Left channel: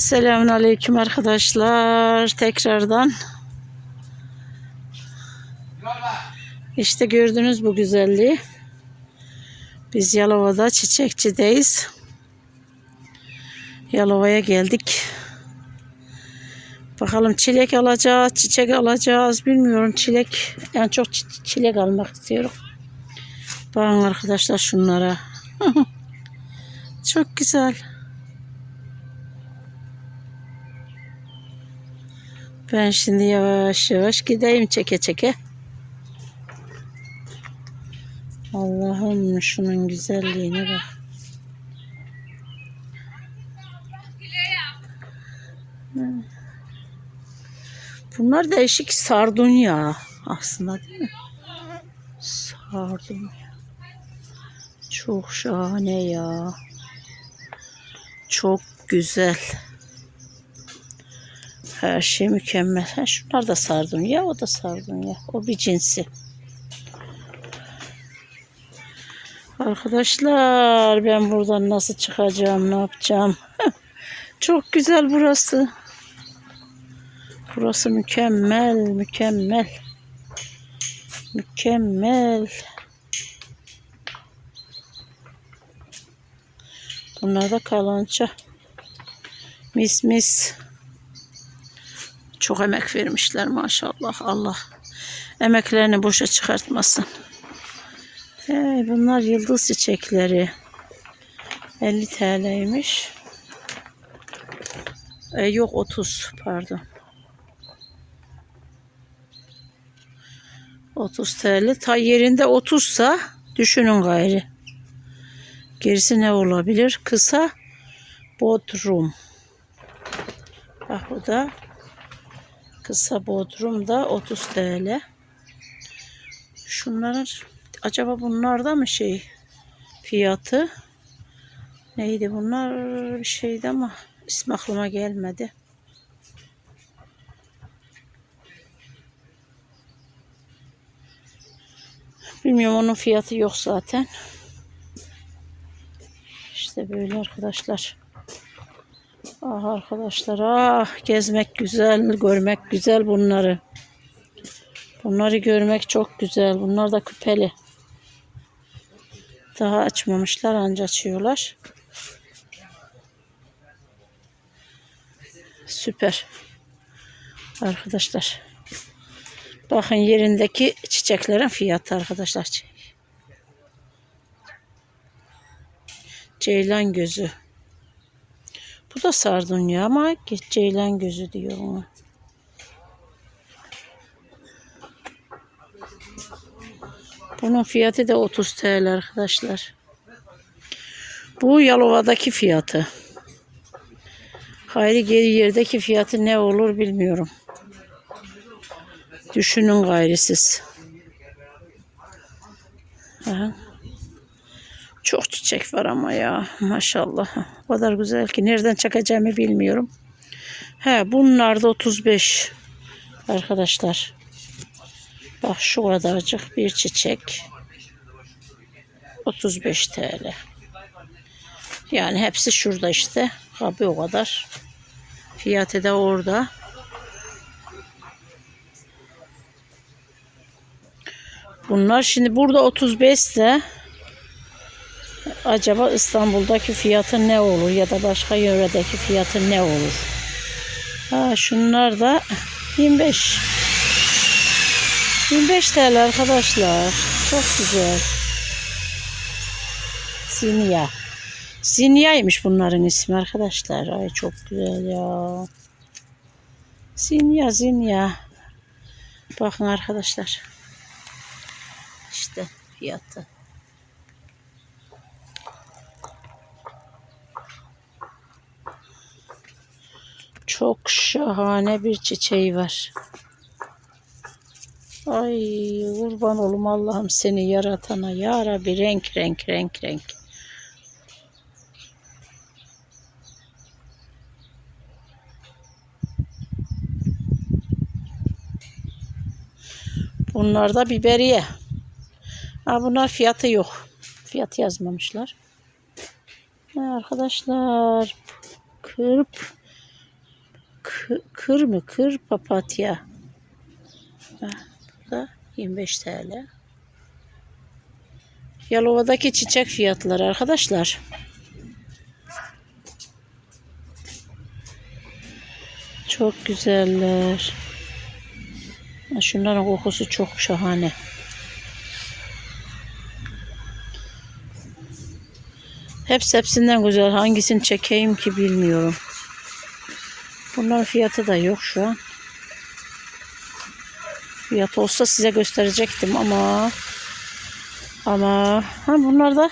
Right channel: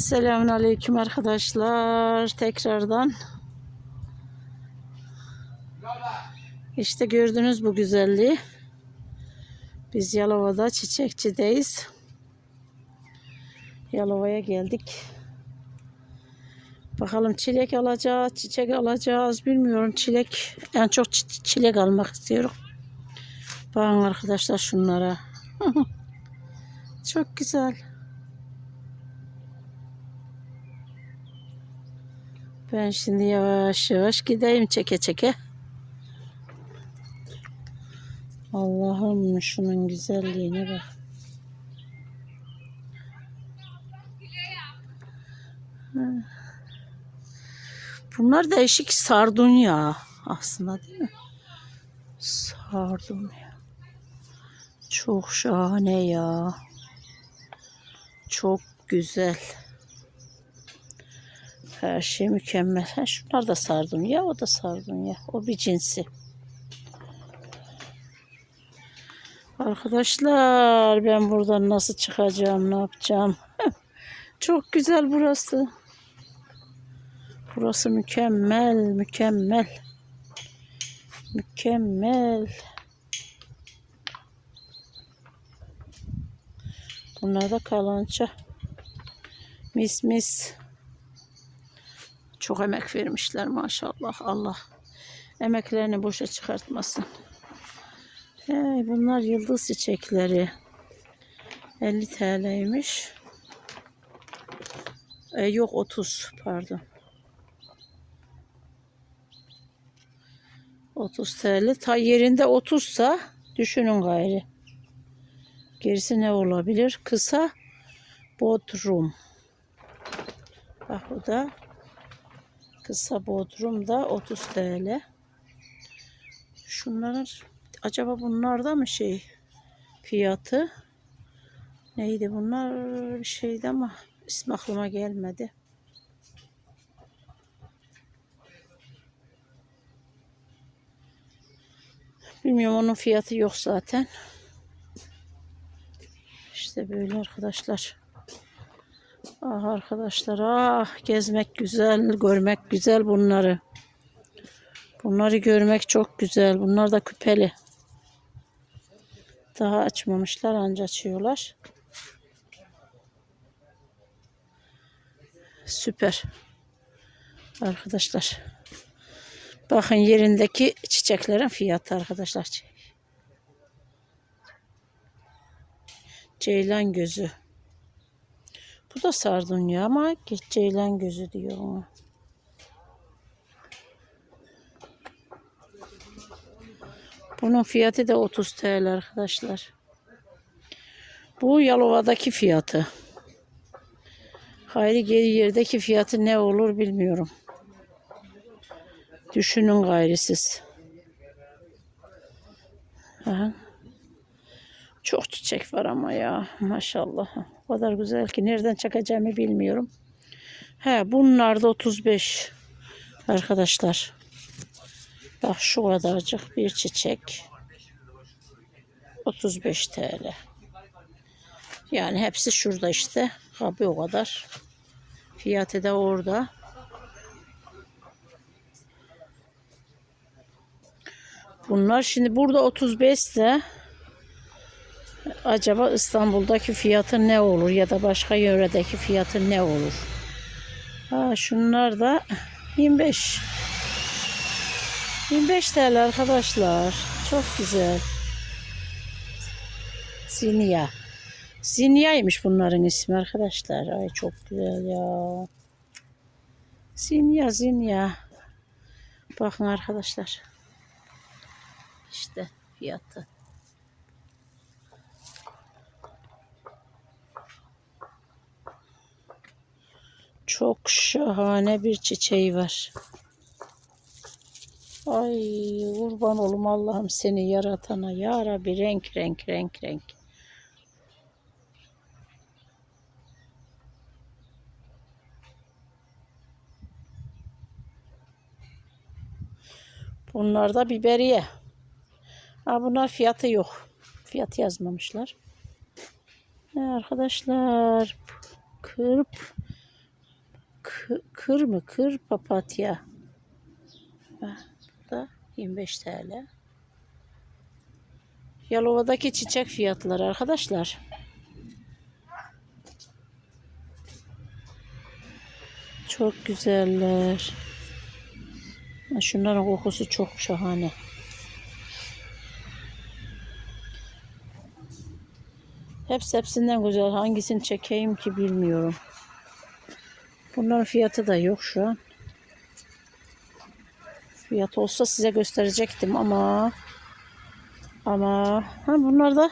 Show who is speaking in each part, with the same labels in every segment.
Speaker 1: Selamünaleyküm arkadaşlar. Tekrardan. İşte gördünüz bu güzelliği. Biz Yalova'da çiçekçideyiz. Yalova'ya geldik. Bakalım çilek alacağız, çiçek alacağız. Bilmiyorum çilek. En çok çi- çilek almak istiyorum. Bakın arkadaşlar şunlara. çok güzel. Ben şimdi yavaş yavaş gideyim çeke çeke. Allah'ım şunun güzelliğine bak. Bunlar değişik sardunya aslında değil mi? Sardunya. Çok şahane ya. Çok güzel. Her şey mükemmel. Ha, şunlar da sardunya, o da sardunya. O bir cinsi. Arkadaşlar ben buradan nasıl çıkacağım, ne yapacağım? Çok güzel burası. Burası mükemmel, mükemmel. Mükemmel. Bunlar da kalança. Mis mis. Çok emek vermişler maşallah. Allah emeklerini boşa çıkartmasın. Hey, bunlar yıldız çiçekleri. 50 TL'ymiş. E, yok 30 pardon. 30 TL. Ta yerinde 30 sa düşünün gayri. Gerisi ne olabilir? Kısa bodrum. Bak bu da kısa bodrum da 30 TL. Şunların acaba bunlar da mı şey fiyatı? Neydi bunlar bir şeydi ama ismi aklıma gelmedi. Bilmiyorum onun fiyatı yok zaten. İşte böyle arkadaşlar. Ah arkadaşlar ah gezmek güzel, görmek güzel bunları. Bunları görmek çok güzel. Bunlar da küpeli. Daha açmamışlar anca açıyorlar. Süper. Arkadaşlar. Bakın yerindeki çiçeklerin fiyatı arkadaşlar. Ceylan gözü. Bu da sardunya ama ceylan gözü diyor ona. Bunun fiyatı da 30 TL arkadaşlar. Bu Yalova'daki fiyatı. Hayri geri yerdeki fiyatı ne olur bilmiyorum. Düşünün gayri siz. Aha. Çok çiçek var ama ya maşallah. O kadar güzel ki nereden çekeceğimi bilmiyorum. He bunlar da 35 arkadaşlar. Bak şu kadarcık bir çiçek. 35 TL. Yani hepsi şurada işte. Abi o kadar. Fiyatı da orada. Bunlar şimdi burada 35 ise acaba İstanbul'daki fiyatı ne olur ya da başka yöredeki fiyatı ne olur? Ha, şunlar da 25. 25 TL arkadaşlar. Çok güzel. Zinya. Zinya'ymış bunların ismi arkadaşlar. Ay çok güzel ya. Zinya, Zinya. Bakın arkadaşlar. İşte fiyatı. Çok şahane bir çiçeği var. Ay kurban olum Allah'ım seni yaratana ya Rabbi renk renk renk renk. Bunlar da biberiye. Ha, bunlar fiyatı yok. Fiyat yazmamışlar. Arkadaşlar kırp kır, mı? Kır papatya. Bu da 25 TL. Yalova'daki çiçek fiyatları arkadaşlar. Çok güzeller. Şunların kokusu çok şahane. Hepsi hepsinden güzel. Hangisini çekeyim ki bilmiyorum. Bunların fiyatı da yok şu an. Fiyat olsa size gösterecektim ama ama ha bunlar da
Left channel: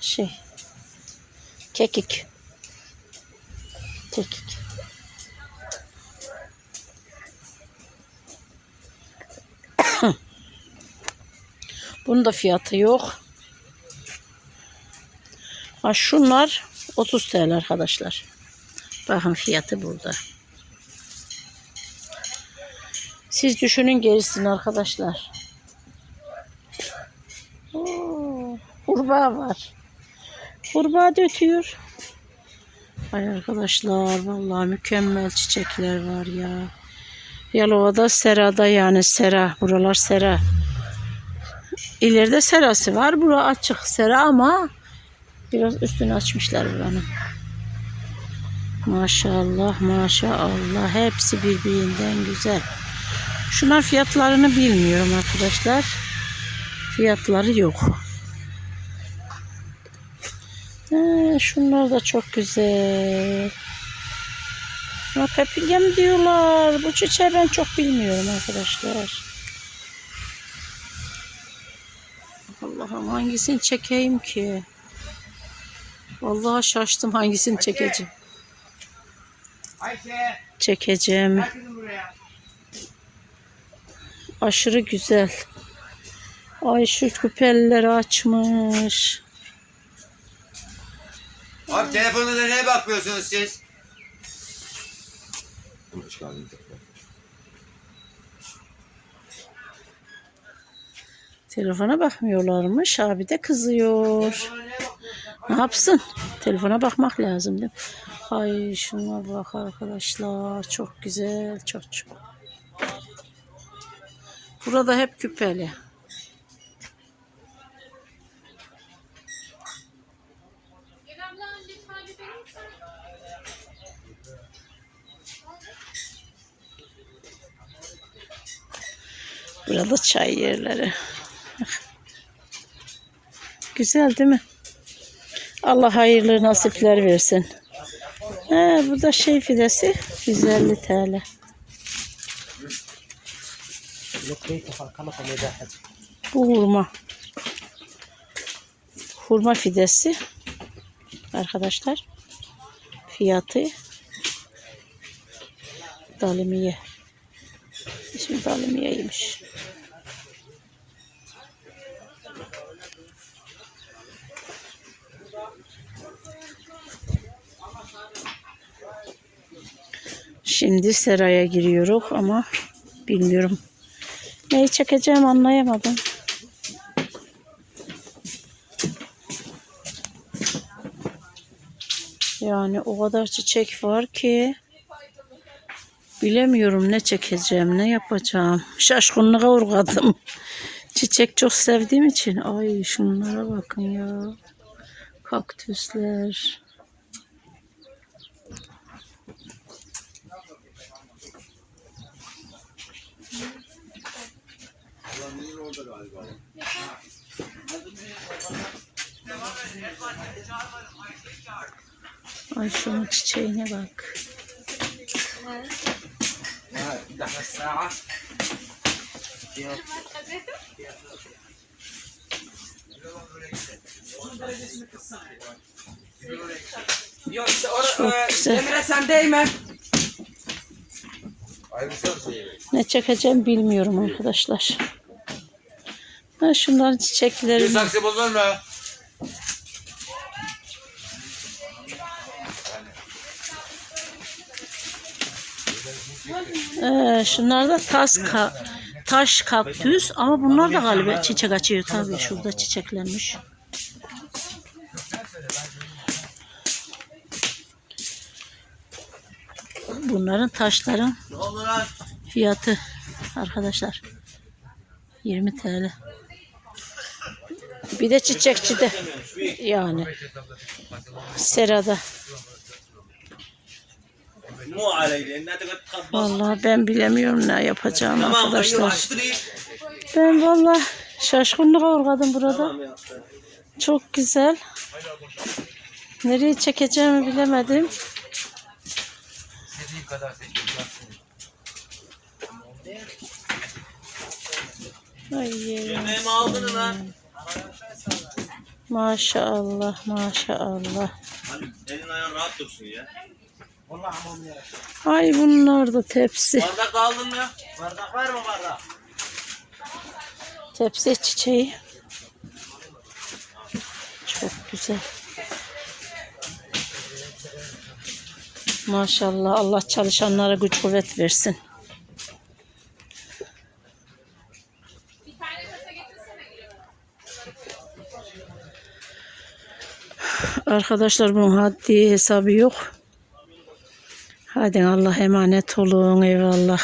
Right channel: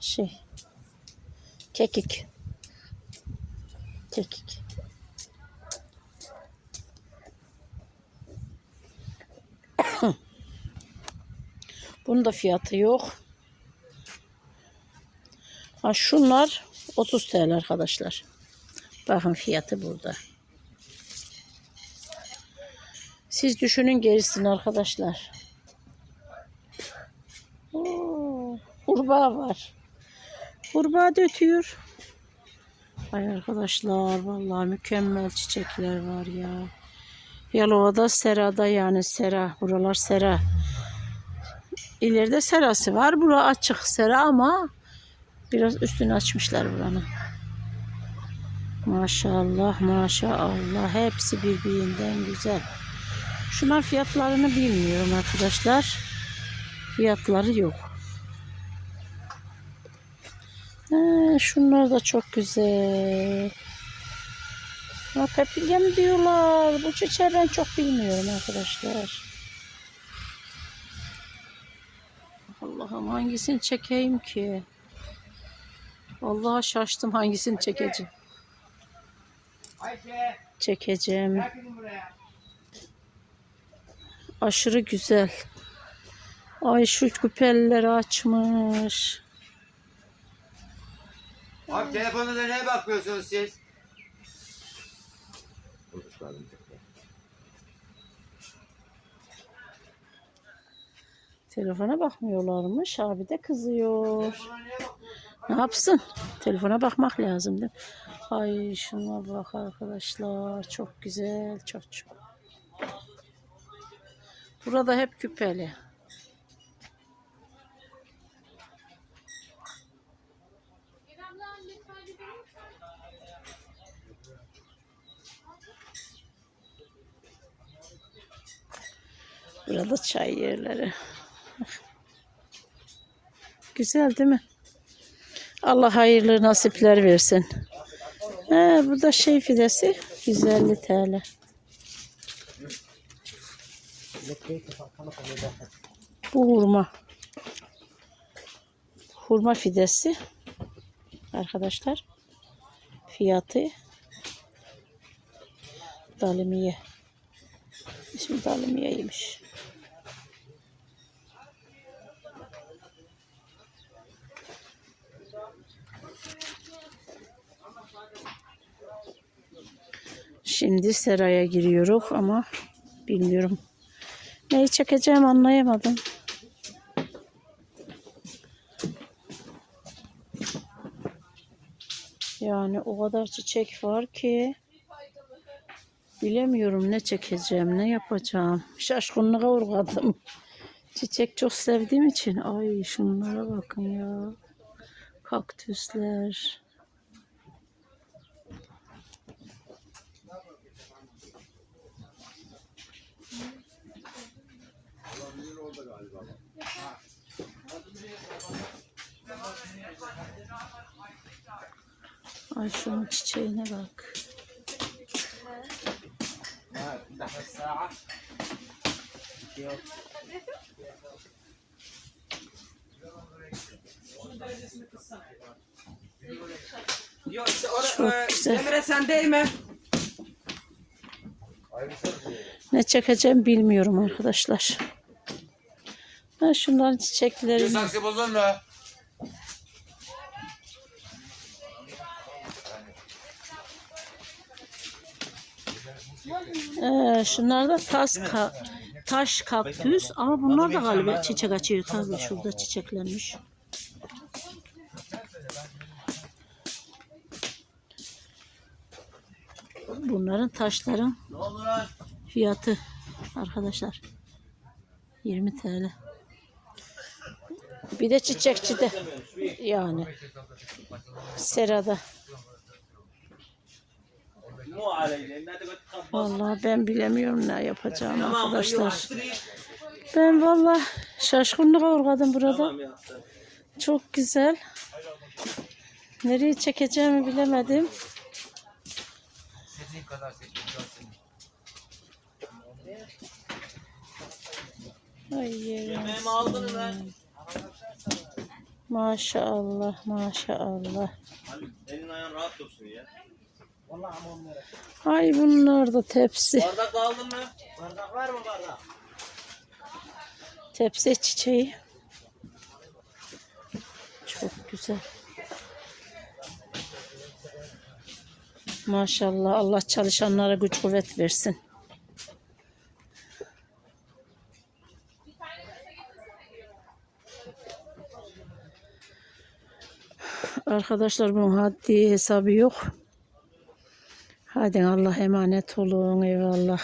Speaker 1: şey kekik. Kekik. Bunun da fiyatı yok. Ha şunlar 30 TL arkadaşlar. Bakın fiyatı burada. Siz düşünün gerisini arkadaşlar. Kurbağa var. Kurbağa da ötüyor. Ay arkadaşlar vallahi mükemmel çiçekler var ya. Yalova'da serada yani sera. Buralar sera. İleride serası var. Bura açık sera ama biraz üstünü açmışlar buranın. Maşallah maşallah hepsi birbirinden güzel. Şunlar fiyatlarını bilmiyorum arkadaşlar. Fiyatları yok. Ee, şunlar da çok güzel. Ama pepilya diyorlar? Bu çiçeği ben çok bilmiyorum arkadaşlar. Allah'ım hangisini çekeyim ki? Vallahi şaştım hangisini çekeceğim. Çekeceğim. Aşırı güzel. Ay şu küpelleri açmış.
Speaker 2: Abi telefonuna neye bakıyorsunuz siz?
Speaker 3: Hoş.
Speaker 1: Telefona bakmıyorlarmış. Abi de kızıyor. Ne yapsın? Telefona bakmak lazım değil mi? Ay şuna bak arkadaşlar. Çok güzel. Çok çok. Burada hep küpeli. Burada çay yerleri. Güzel değil mi? Allah hayırlı nasipler versin. He, bu da şey fidesi 150 TL. Bu hurma. Hurma fidesi. Arkadaşlar. Fiyatı dalimiye. İsmi dalimiyeymiş. Şimdi seraya giriyoruz ama bilmiyorum. Neyi çekeceğim anlayamadım. Yani o kadar çiçek var ki bilemiyorum ne çekeceğim, ne yapacağım. Şaşkınlığa uğradım. Çiçek çok sevdiğim için. Ay şunlara bakın ya. Kaktüsler. Adamın orada galiba. Ay şunun çiçeğine bak.
Speaker 2: Çok e,
Speaker 1: güzel.
Speaker 2: Emre sen değme.
Speaker 1: Ne çekeceğim bilmiyorum arkadaşlar. Ha şunların çiçekleri.
Speaker 2: Bir saksı buldun mu?
Speaker 1: Ee, şunlar da tas ka taş kaktüs ama bunlar da galiba çiçek açıyor tabii şurada çiçeklenmiş. bunların taşların fiyatı arkadaşlar 20 TL. Bir de çiçekçide yani serada. Vallahi ben bilemiyorum ne yapacağım arkadaşlar. Ben vallahi şaşkınlık uğradım burada. Çok güzel. Nereye çekeceğimi bilemedim
Speaker 2: istediğim kadar seçebilirsin.
Speaker 1: Ay,
Speaker 3: Yemeğimi aldın lan.
Speaker 1: maşallah maşallah.
Speaker 3: Elin ayağın rahat dursun ya.
Speaker 1: Ay bunlar da tepsi.
Speaker 3: Bardak da aldın mı? Bardak var mı bardak?
Speaker 1: Tepsi çiçeği. Çok güzel. Maşallah Allah çalışanlara güç kuvvet versin. Arkadaşlar bunun haddi hesabı yok. Hadi Allah emanet olun eyvallah.